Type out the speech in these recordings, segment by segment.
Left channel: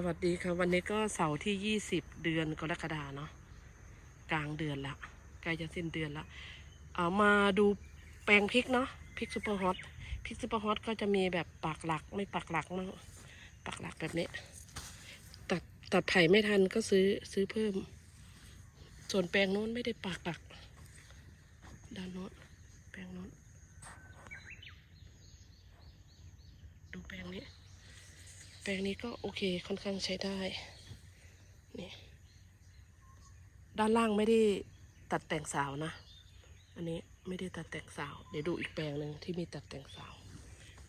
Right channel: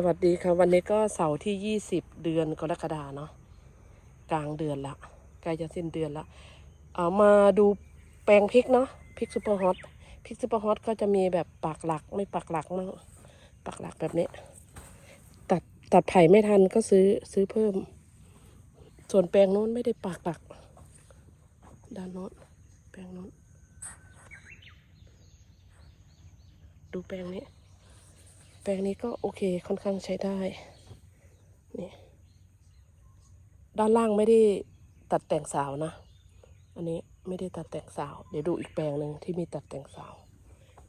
สวัสดีค่ะ วันนี้ก็เสาร์ที่ยี่สิบเดือนกรกฎาเนาะกลางเดือนละใกล้จะสิ้นเดือนละเอามาดูแปลงพริกเนาะพริกซูเปอร์ฮอตพริกซูเปอร์ฮอตก็จะมีแบบปักหลักไม่ปักหลักมั่งปักหลักแบบนี้ ตัดตัดไผ่ไม่ทันก็ซื้อซื้อเพิ่ม ส่วนแปลงโน้นไม่ได้ปักหลัก ด้านโน้นแปลงโน้นดูแปลงนี้ ปลงนี้ก็โอเคค่อนข้างใช้ได้นี่ด้านล่างไม่ได้ตัดแต่งสาวนะ อันนี้ไม่ได้ตัดแต่งสาว เดี๋ยวดูอีกแปลงหนึ่งที่มีตัดแต่งสาว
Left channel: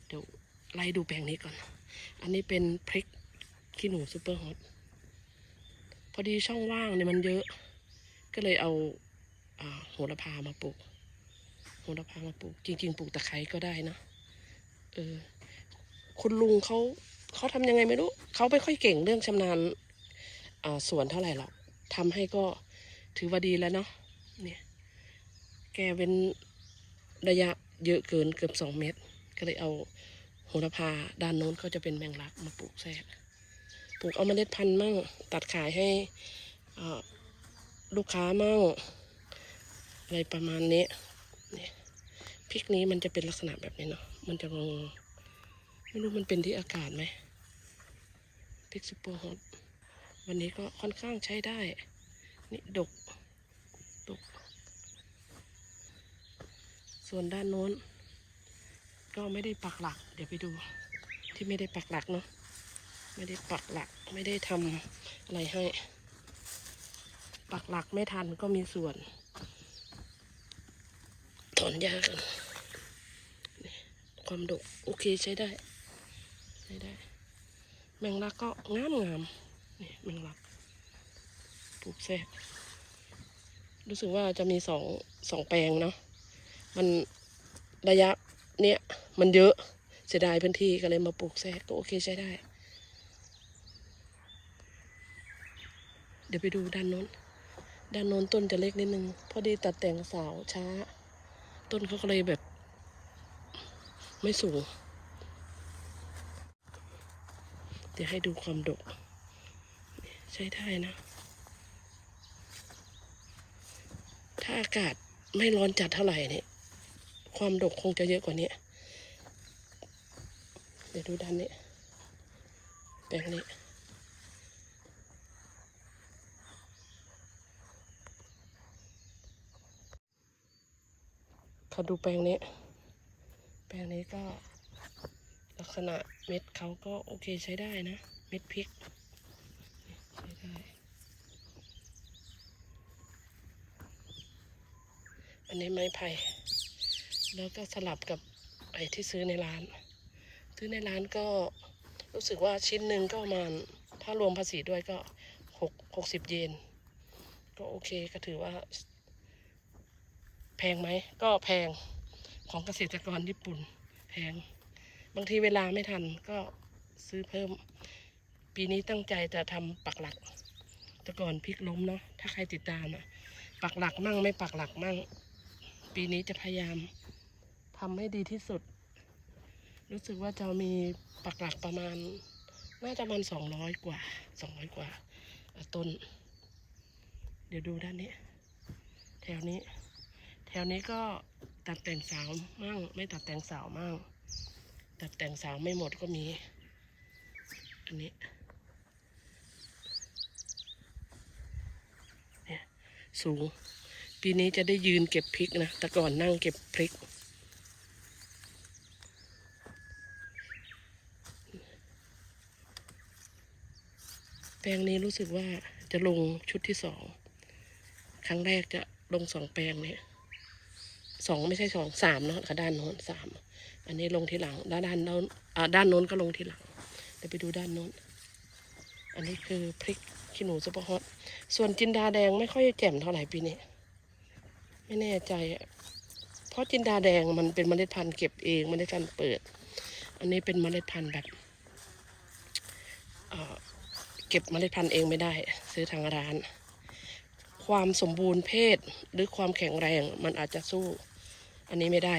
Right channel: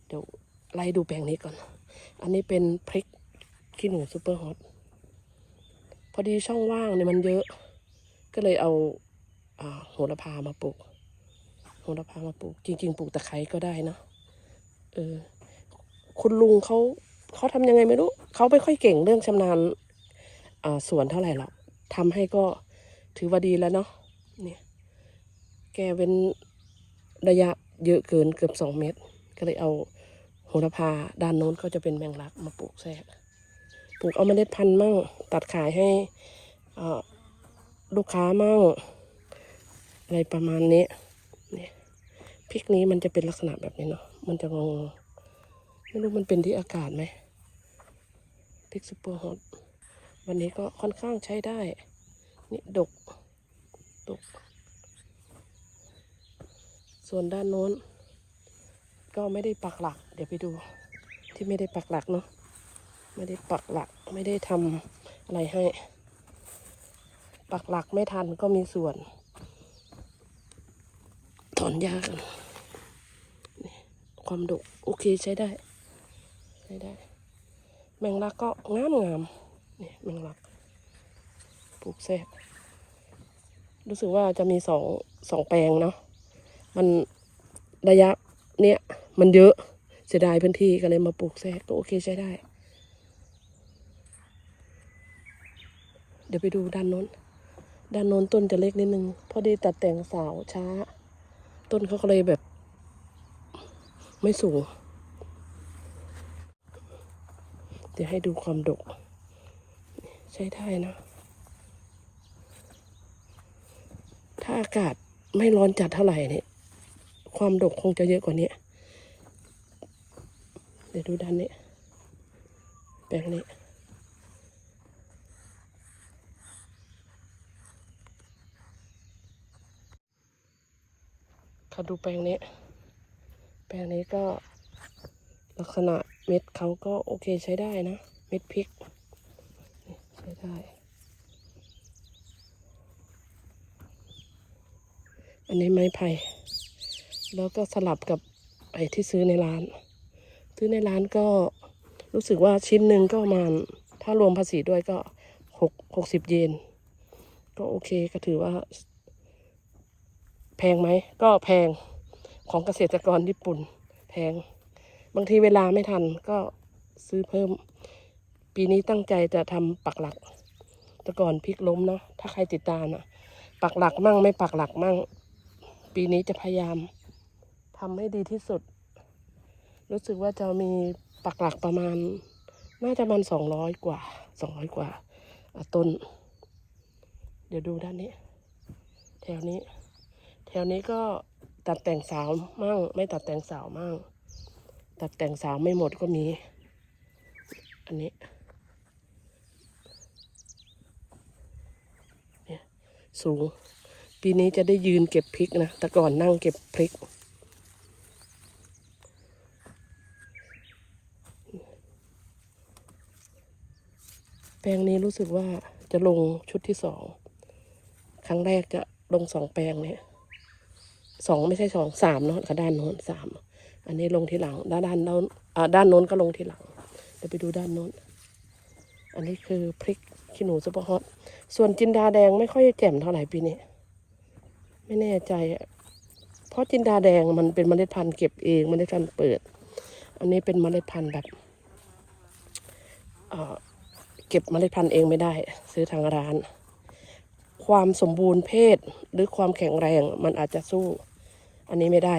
เดี๋ยวไล่ดูแปลงนี้ก่อน อันนี้เป็นพริกขี้หนูซูเปอร์ฮอต พอดีช่องว่างเนี่ยมันเยอะ ก็เลยเอาอ่าโหระพามาปลูก โหระพามาปลูก จริงๆปลูกตะไคร้ก็ได้นะ เออ คุณลุงเขา เขาทำยังไงไม่รู้เขาไม่ค่อยเก่งเรื่องชำนาญสวนเท่าไหร่หรอกทำให้ก็ถือว่าดีแล้วเนาะเนี่ยแกเป็นระยะเยอะเกินเกือบสองเมตร ก็เลยเอาโหระพาด้านโน้นก็จะเป็นแมงลักมาปลูกแทรกปลูกเอาเมล็ดพันธุ์มั่ง ตัดขายให้ลูกค้ามั่ง อะไรประมาณนี้พริกนี้มันจะเป็นลักษณะแบบนี้เนาะมันจะงง ไม่รู้มันเป็นที่อากาศไหมพริกซูเปอร์ฮอตวันนี้ก็ค่อนข้างใช้ได้ นี่ดก ดก ส่วนด้านโน้น ก็ไม่ได้ปักหลัก เดี๋ยวไปดูที่ไม่ได้ปักหลักเนาะไม่ได้ปักหลักไม่ได้ทำอะไรให้ ปักหลักไม่ทันก็มีส่วนถอนยากันความดกโอเคใช้ได้ ใช้ได้ แมงลักก็งามงามนี่แมงลักปลูกแทรกรู้สึกว่าจะมีสองสองแปลงเนาะมันระยะเนี้ยมันเยอะเสียดายพื้นที่ก็เลยมาปลูกแทรกก็โอเคใช้ได้ เดี๋ยวไปดูด้านโน้น ด้านโน้นต้นจะเล็กนิดนึงพอดีตัดแต่งสาวช้า ต้นเขาก็เลยแบบ ไม่สูง เดี๋ยวให้ดูความดก ใช้ได้นะ ถ้าอากาศไม่ร้อนจัดเท่าไหร่เนี่ยความดกคงจะเยอะกว่านี้ เดี๋ยวดูด้านนี้แปลงนี้ขาดูแปลงนี้ แปลงนี้ก็ ลักษณะเม็ดเขาก็โอเคใช้ได้นะ เม็ดพริก ใช้ได้ อันนี้ไม้ไผ่แล้วก็สลับกับไอ้ที่ซื้อในร้าน ซื้อในร้านก็รู้สึกว่าชิ้นหนึ่งก็ประมาณ ถ้ารวมภาษีด้วยก็หกหกสิบเยน ก็โอเคก็ถือว่า แพงไหม ก็แพงของเกษตรกรญี่ปุ่น แพง บางทีเวลาไม่ทันก็ซื้อเพิ่ม ปีนี้ตั้งใจจะทำปักหลัก แต่ก่อนพลิกล้มเนาะถ้าใครติดตามอะปักหลักมั่งไม่ปักหลักมั่ง ปีนี้จะพยายามทำให้ดีที่สุด รู้สึกว่าจะมีปักหลักประมาณ น่าจะประมันสองร้อยกว่าสองร้อยกว่าต้น เดี๋ยวดูด้านนี้ แถวนี้ แถวนี้ก็ตัดแต่งสาวมั่ง ไม่ตัดแต่งสาวมั่ง ตัดแต่งสาวไม่หมดก็มี อันนี้เนี่ยสูง ปีนี้จะได้ยืนเก็บพริกนะ แต่ก่อนนั่งเก็บพริก แปลงนี้รู้สึกว่าจะลงชุดที่สอง ครั้งแรกจะลงสองแปลงเนี่ยสองไม่ใช่สองสามเนาะกับด้านโน้นสาม อันนี้ลงทีหลัง ด้านด้านโน้นด้านโน้นก็ลงทีหลัง เดี๋ยวไปดูด้านโน้น อันนี้คือพริกขี้หนูซุปเปอร์ฮอต ส่วนจินดาแดงไม่ค่อยแจ่มเท่าไหร่ปีนี้ ไม่แน่ใจ เพราะจินดาแดงมันเป็นเมล็ดพันธุ์เก็บเองเมล็ดพันธุ์เปิด อันนี้เป็นเมล็ดพันธุ์แบบเก็บเมล็ดพันธุ์เองไม่ได้ ซื้อทางร้าน ความสมบูรณ์เพศหรือความแข็งแรงมันอาจจะสู้ อันนี้ไม่ได้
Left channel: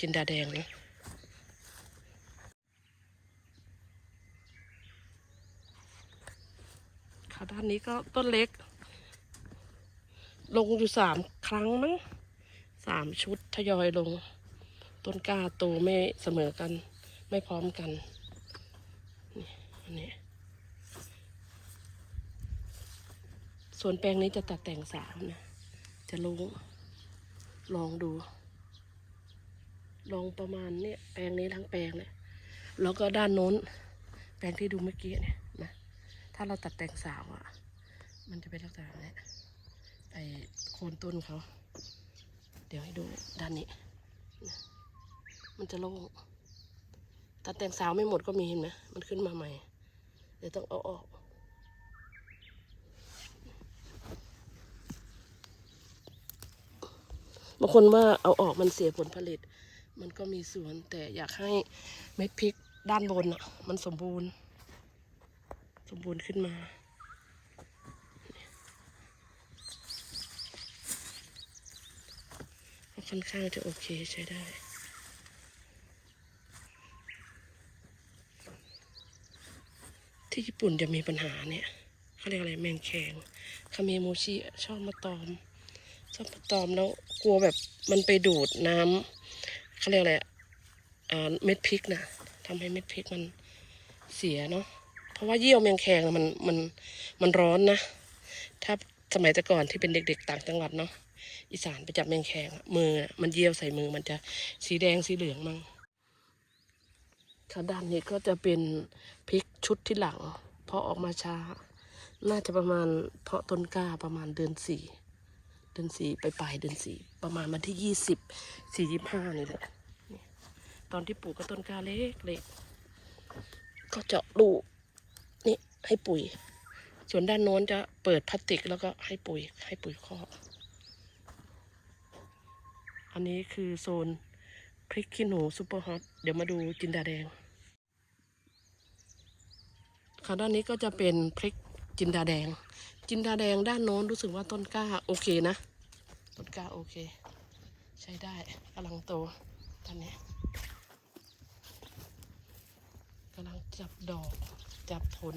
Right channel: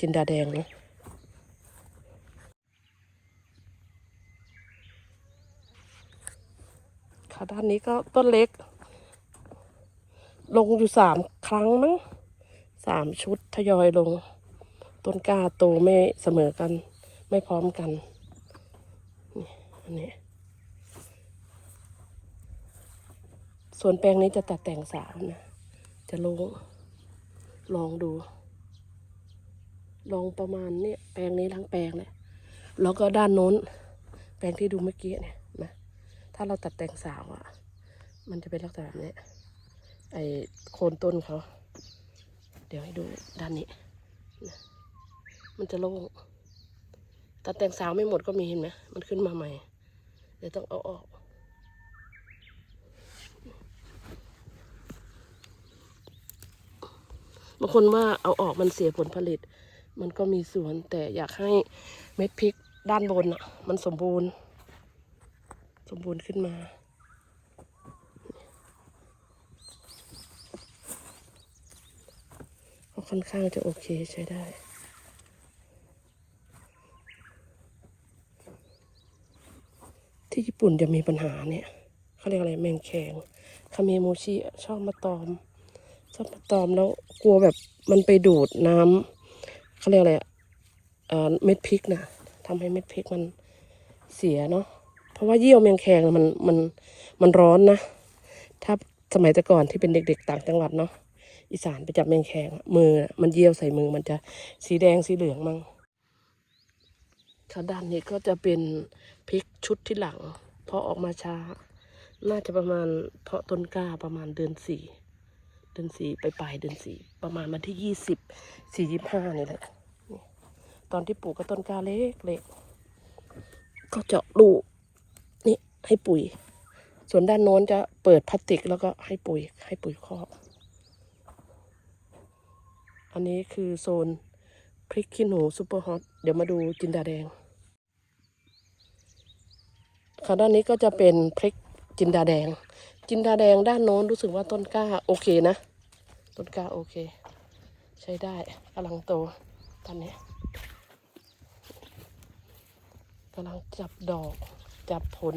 จินดาแดงนะค่ะด้านนี้ก็ต้นเล็ก ลงอยู่สามครั้งมั้งสามชุดทยอยลง ต้นกล้าโตไม่เสมอกัน ไม่พร้อมกันนี่ส่วนแปลงนี้จะตัดแต่งสามนะ จะลงลองดู ลองประมาณเนี้ยแปลงนี้ทั้งแปลงนะแล้วก็ด้านโน้น แปลงที่ดูเมื่อกี้เนี่ยนะถ้าเราตัดแต่งสาวอะ่ะ มันจะเป็นลักษณะแบบนี้ไอโคนต้นเขา เดี๋ยวให้ดูด้านนี้นะมันจะโล่งตัดแต่งสาวไม่หมดก็มีเห็นไหมมันขึ้นมาใหม่ เดี๋ยวต้องเอาออกบางคนว่าเอาออกมันเสียผลผลิต มันก็มีส่วนแต่อยากให้เม็ดพริกด้านบนอะ มันสมบูรณ์ สมบูรณ์ขึ้นมา ก็ค่อนข้างจะโอเคใช้ได้ที่ญี่ปุ่นจะมีปัญหาเนี่ยเขาเรียกอะไรแมงแคงคาเมโมชิชอบมาตอม ชอบมาตอมแล้วกลัวแบบมันไปดูดน้ำ เขาเรียกอะไรอ่าเม็ดพริกนะทำให้เม็ดพริกมันเสียเนาะเพราะว่าเยี่ยวแมงแคงมันมันมันร้อนนะถ้าสมัยแต่ก่อนที่เป็นเด็ก ๆ ต่างจังหวัดเนาะอีสานไปจับแมงแคงมือมันเยี่ยวใส่มือมันจะสีแดงสีเหลืองมั่งค่ะด้านนี้ก็จะเป็นพริกชุดที่หลัง เพาะออกมาช้า น่าจะประมาณเพาะต้นกล้าประมาณเดือนสี่ ดือนสี่ไปปลายเดือนสี่ประมาณวันที่ยี่สิบสี่ยี่ห้านี่แหละตอนที่ปลูกก็ต้นกาเล็กเล็กก็เจาะลูนี่ให้ปุ๋ย ส่วนด้านโน้นจะเปิดพลาสติกแล้วก็ให้ปุ๋ย ให้ปุ๋ยคอกอันนี้คือโซนพริกขี้หนูซูเปอร์ฮอตเดี๋ยวมาดูจินดาแดงค่ะด้านนี้ก็จะเป็นพริกจินดาแดง จินดาแดงด้านโน้นรู้สึกว่าต้นกล้าโอเคนะ ต้นกล้าโอเค ใช้ได้กำลังโตตอนนี้กำลังจับดอก จับผล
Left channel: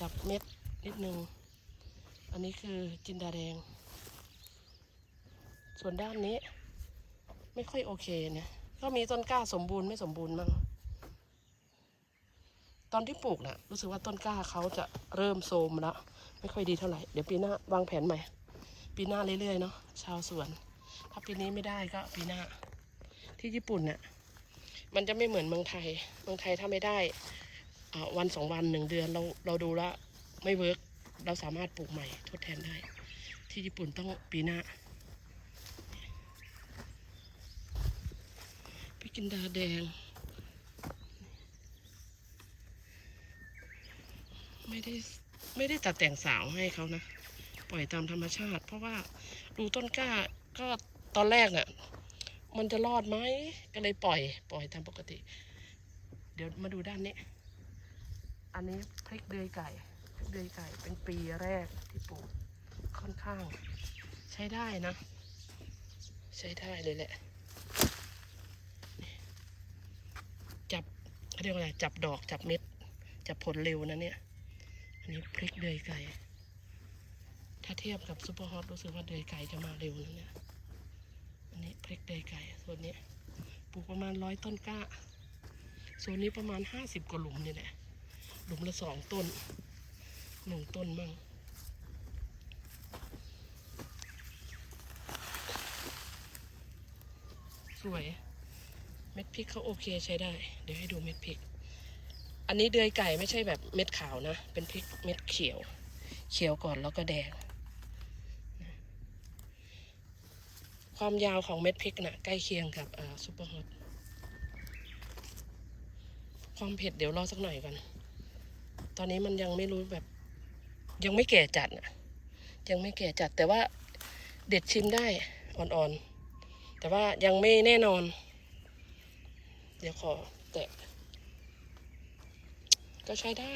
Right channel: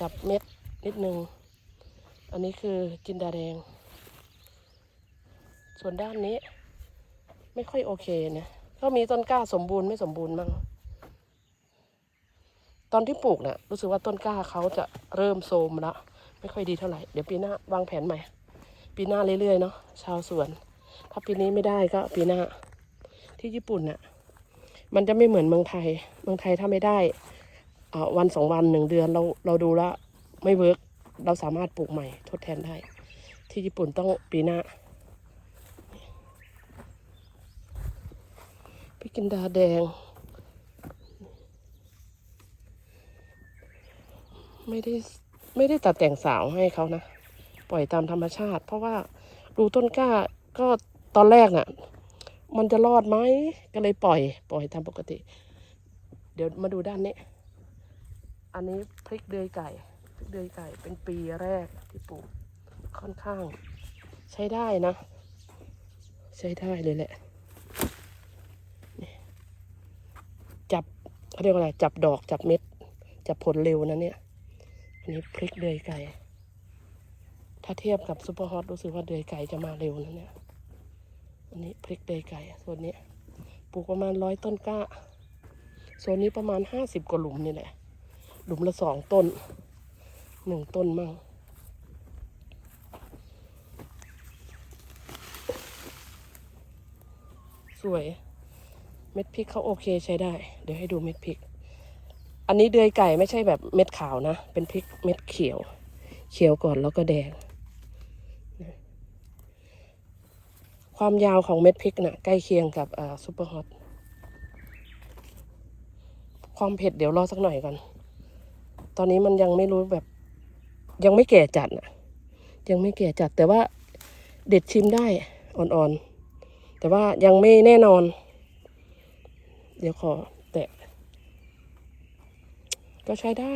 จับเม็ดนิดนึง อันนี้คือจินดาแดง ส่วนด้านนี้ ไม่ค่อยโอเคเนี่ยก็มีต้นกล้าสมบูรณ์ไม่สมบูรณ์มั่งตอนที่ปลูกเนี่ยรู้สึกว่าต้นกล้าเขาจะเริ่มโทรมแล้วไม่ค่อยดีเท่าไหร่ เดี๋ยวปีหน้าวางแผนใหม่ ปีหน้าเรื่อยๆเนาะชาวสวน ถ้าปีนี้ไม่ได้ก็ปีหน้า ที่ญี่ปุ่นเนี่ยมันจะไม่เหมือนเมืองไทย เมืองไทยถ้าไม่ได้อ่าวันสองวันหนึ่งเดือนเราเราดูแล้วไม่เวิร์กเราสามารถปลูกใหม่ทดแทนได้ ที่ญี่ปุ่นต้องปีหน้าพริกกินดาแดง ไม่ได้ไม่ได้ตัดแต่งสาวให้เขานะ ปล่อยตามธรรมชาติ เพราะว่าดูต้นกล้าก็ตอนแรกน่ะ มันจะรอดไหมก็เลยปล่อย ปล่อยตามปกติ เดี๋ยวมาดูด้านนี้ อันนี้พริกเดือยไก่พริกเดือยไก่เป็นปีแรกที่ปลูกค่อนข้าง ใช้ได้นะ ใช้ได้เลยแหละจับเขาเรียกว่าอะไรจับดอกจับเม็ดจับผลเร็วนะเนี่ย อันนี้พริกเดือยไก่ ถ้าเทียบกับซุปเปอร์ฮอตรู้สึกว่าเดยไก่จะมาเร็วนะเนี่ย อันนี้พริกเดยไก่ส่วนนี้ปลูกประมาณร้อยต้นกล้าโซนนี้ประมาณห้าสิบกว่าหลุมนี่แหละ หลุมละสองต้นหนึ่งต้นมั่งสวย เม็ดพริกเขาโอเคใช้ได้ เดี๋ยวให้ดูเม็ดพริก อันนี้เดือยไก่ไม่ใช่แบบเม็ดขาวนะ เป็นพริกเม็ดเขียว เขียวก่อนแล้วก็แดงนะ ความยาวของเม็ดพริกนะ่ะใกล้เคียงกับซูเปอร์ฮอตความเผ็ดเดี๋ยวรอสักหน่อยก่อน ตอนนี้มันยังไม่รู้แบบ ยังไม่แก่จัดนะยังไม่แก่จัดแต่ว่าเด็ดชิมได้อ่อนๆ แต่ว่ายังไม่แน่นอน เดี๋ยวขอแตะ ก็ใช้ได้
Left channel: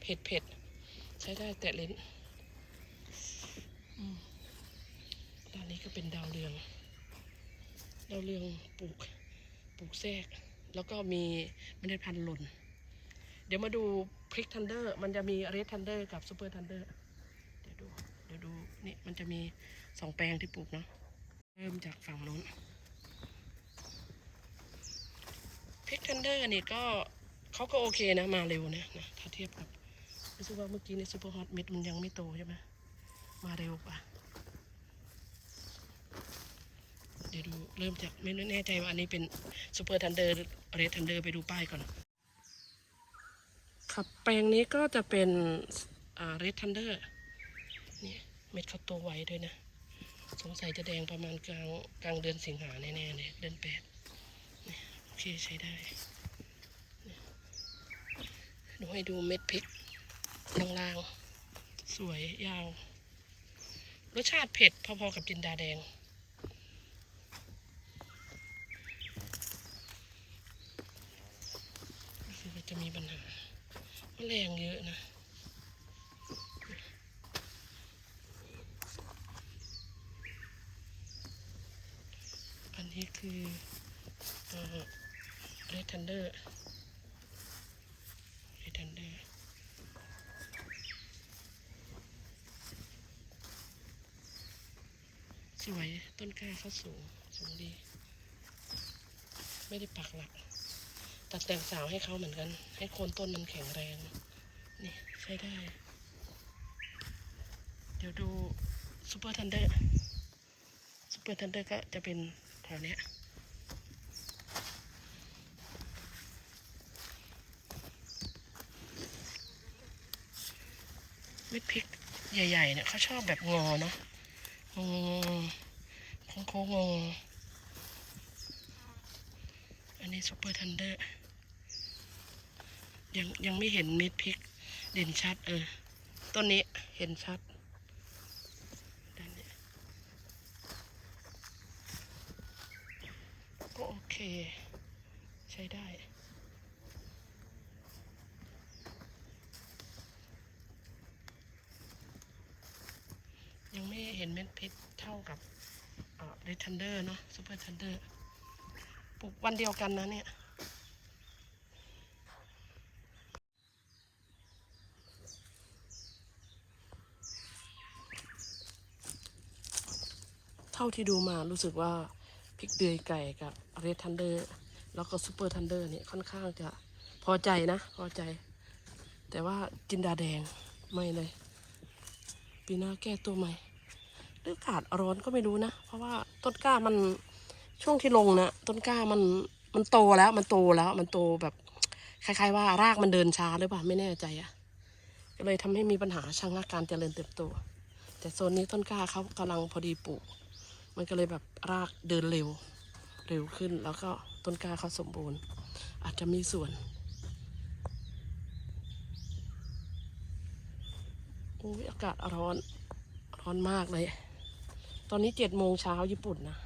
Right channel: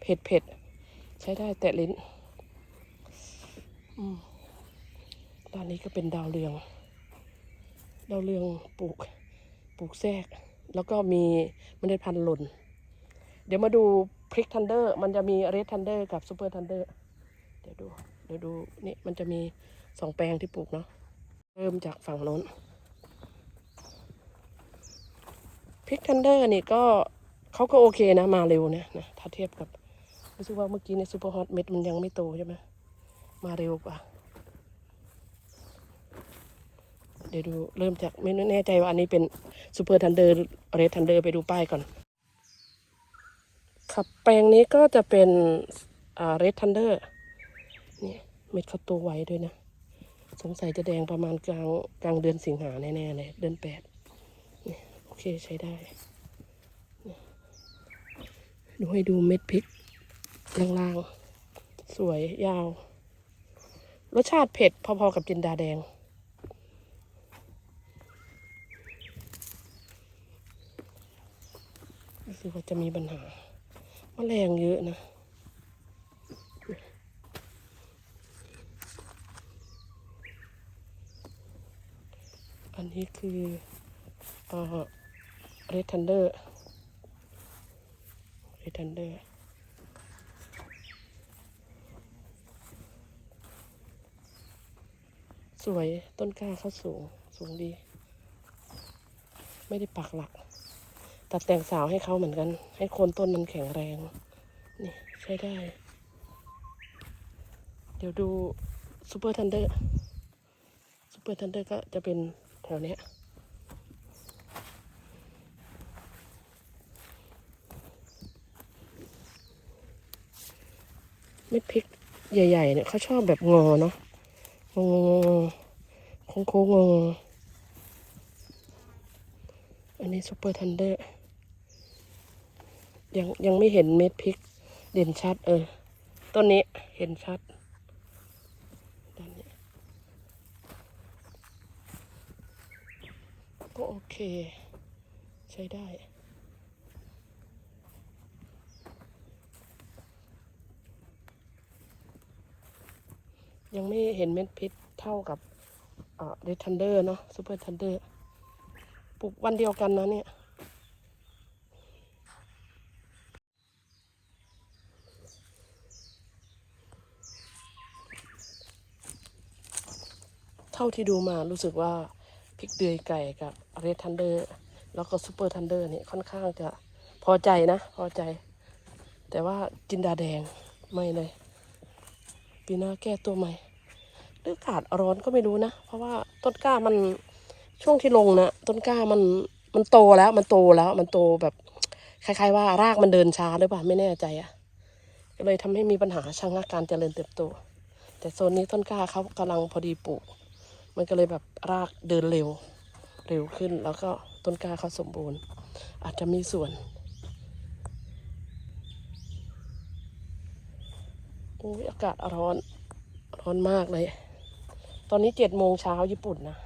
เผ็ดเผ็ดใช้ได้แตะลิ้นอืมด้านนี้ก็เป็นดาวเรือง ดาวเรืองปลูกปลูกแทรก แล้วก็มีเมล็ดพันธุ์หล่น เดี๋ยวมาดูพริกทันเดอร์ มันจะมีเรดทันเดอร์กับซูเปอร์ทันเดอร์ เดี๋ยวดู เดี๋ยวดูนี่มันจะมีสองแปลงที่ปลูกเนาะ เริ่มจากฝั่งโน้นพริกทันเดอร์นี่ก็เขาก็โอเคนะมาเร็วนะนะถ้าเทียบกับรู้สึกว่าเมื่อกี้ในซูเปอร์ฮอตเม็ดมันยังไม่โตใช่ไหมมาเร็วกว่า เดี๋ยวดูเริ่มจากไม่แน่ใจว่าอันนี้เป็นซูเปอร์ทันเดอร์เรดทันเดอร์ไปดูป้ายก่อน ครับแปลงนี้ก็จะเป็นอ่าเรดทันเดอร์เนี่ยเม็ดเขาโตไวด้วยนะ สงสัยจะแดงประมาณกลางกลางเดือนสิงหาแน่ๆเลยเดือนแปดนี่โอเคใช้ได้ ดูให้ดูเม็ดพริกล่างๆ สวยยาว รสชาติเผ็ดพอๆกับจินดาแดง รู้สึกว่าจะมีปัญหาแมลงเยอะนะอันนี้คือเอ่อเรดทันเดอร์เรดทันเดอร์สวยต้นกล้าเขาสูง สูงดี ไม่ได้ปักหลัก ตัดแต่งสาวให้เขาเหมือนกัน ให้โคนต้นมันแข็งแรง นี่ใช้ได้ เดี๋ยวดูซูเปอร์ทันเดอร์ซูเปอร์ทันเดอร์ก็จะเป็นแถวเนี้ยเม็ดพริกใหญ่ ๆ เนี่ยเขาชอบแบบงอเนาะงองโค้งโค้งๆงออันนี้ซูเปอร์ทันเดอร์ ยังยังไม่เห็นเม็ดพริก เด่นชัด เออ ต้นนี้เห็นชัดด้านนี้ก็โอเค ใช้ได้ยังไม่เห็นเม็ดพริกเท่ากับเรดทันเดอร์เนาะซูเปอร์ทันเดอร์ปลูกวันเดียวกันนะเนี่ย ท่าที่ดูมารู้สึกว่าพริกเดือยไก่กับเรดทันเดอร์แล้วก็ซูเปอร์ทันเดอร์นี่ค่อนข้างจะพอใจนะ พอใจ แต่ว่าจินดาแดงไม่เลยปีหน้าแก้ตัวใหม่หรืออากาศร้อนก็ไม่รู้นะ เพราะว่าต้นกล้ามันช่วงที่ลงนะต้นกล้ามันมันโตแล้วมันโตแล้วมันโตแบบคล้ายๆว่ารากมันเดินช้าหรือเปล่าไม่แน่ใจอะ่ะก็เลยทำให้มีปัญหาชะงักการเจริญเติบโต แต่โซนนี้ต้นกล้าเขากำลังพอดีปลูก มันก็เลยแบบรากเดินเร็วเร็วขึ้น แล้วก็ต้นกล้าเขาสมบูรณ์ อาจจะมีส่วนอุ้ยอากาศร้อนร้อนมากเลย ตอนนี้เจ็ดโมงเช้าญี่ปุ่นนะ